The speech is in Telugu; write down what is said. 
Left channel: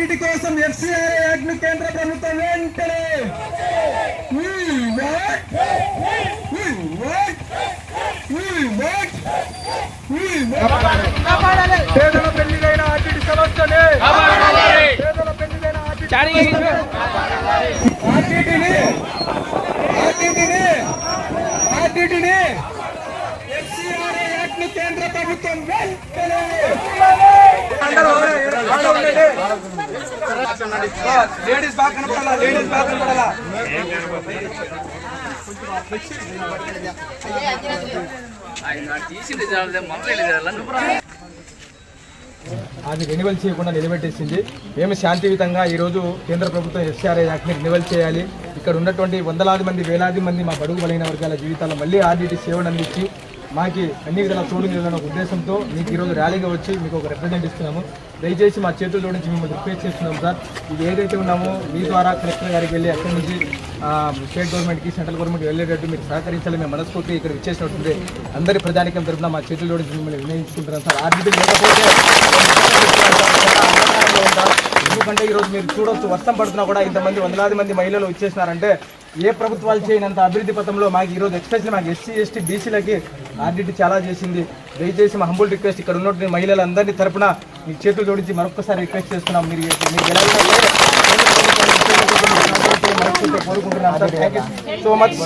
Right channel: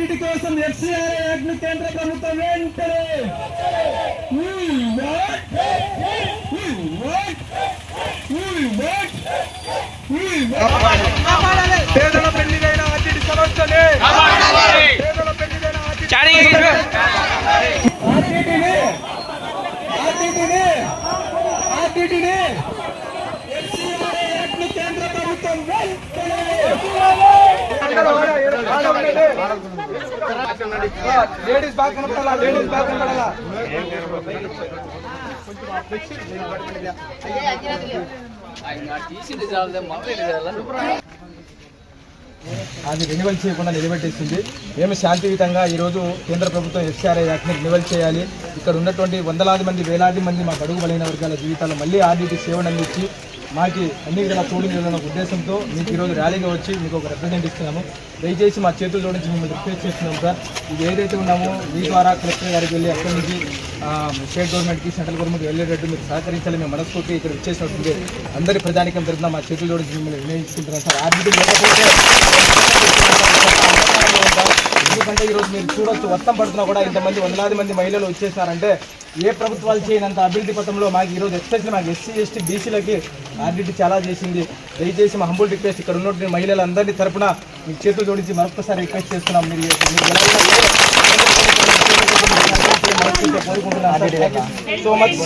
వీటి కోసం ఎఫ్సిఆర్ యాక్ట్ను కేంద్ర ప్రభుత్వం వెంటనే. పేదల పెళ్ళిదైన ఆర్టీడీ సమస్యనే. పేదల పెళ్ళిదైన ఆర్టీటీని ఆర్టీటీని ఆర్టీటీని ఎఫ్సిఆర్ యాక్ట్ను కేంద్ర ప్రభుత్వం వెంటనే. లేడీస్ బాగా కనపడాలా లేడీస్ బాగా కనపడాలా. అది రెన్యువల్ చేయకుండా నిలబెట్టేసింది. మేము శాంతియుతంగా ఈరోజు కేంద్ర ప్రభుత్వం ఎస్ఆర్ఐ యాక్ట్ని రెన్యువల్ చేయాలి. ఇక్కడ ఉన్నటువంటి వందలాది మంది వేలాది మంది మా గడుగు బలైన వర్గాల జీవితాలు మళ్ళీ ఆర్డీటీ సేవను అందించి మాకి అన్ని విధాల తోడు ఉద్దేశంతో మీకు ఈరోజు ర్యాలీగా వచ్చి మీకు ఒక రిప్రజెంట్ ఇస్తున్నాము. దయచేసి మా చేతులు జోడించి మిమ్మల్ని రిక్వెస్ట్ చేస్తున్నాం సార్. ఇది ఏదైతే ఉన్నామో మీ ద్వారా కలెక్టర్ గారికి వెళ్ళి అక్కడి నుంచి స్టేట్ గవర్నమెంట్కి సెంట్రల్ గవర్నమెంట్ వెళ్ళేటట్టు మీరు సహకరించాలి మేము మనస్ఫూర్తి ఇక్కడ ఇచ్చేసినట్టుంది అందరి ప్రజానికం తరఫున మా చేతులు జోడించి మిమ్మల్ని వినియోగించుకుంటున్నాం సార్. ఆర్బీటీ లేకపోతే ఎందుకంటే ఈరోజు మీరు చూడొచ్చు వర్షం పడుతున్నా కూడా ఇంతమంది వందలాది మంది మహిళలు వచ్చేసారంటే ఏ ప్రభుత్వాలు చేయనంత అభివృద్ధి పథంలో మాకు ఈరోజు ఎక్స్పెషల్ మాకు ఎస్సీ ఎస్టీ బీసీలకి ఆర్డీటీ చాలా చేసింది. దయచేసి మా హంబుల్ రిక్వెస్ట్ ఇక్కడ ఉన్నటువంటి మహిళలందరినీ తరపున మీ చేతులు జోడించి మరొకసారి రిక్వెస్ట్ చేస్తున్నాం. మీరు కోరుకుంటున్నాం సో మచ్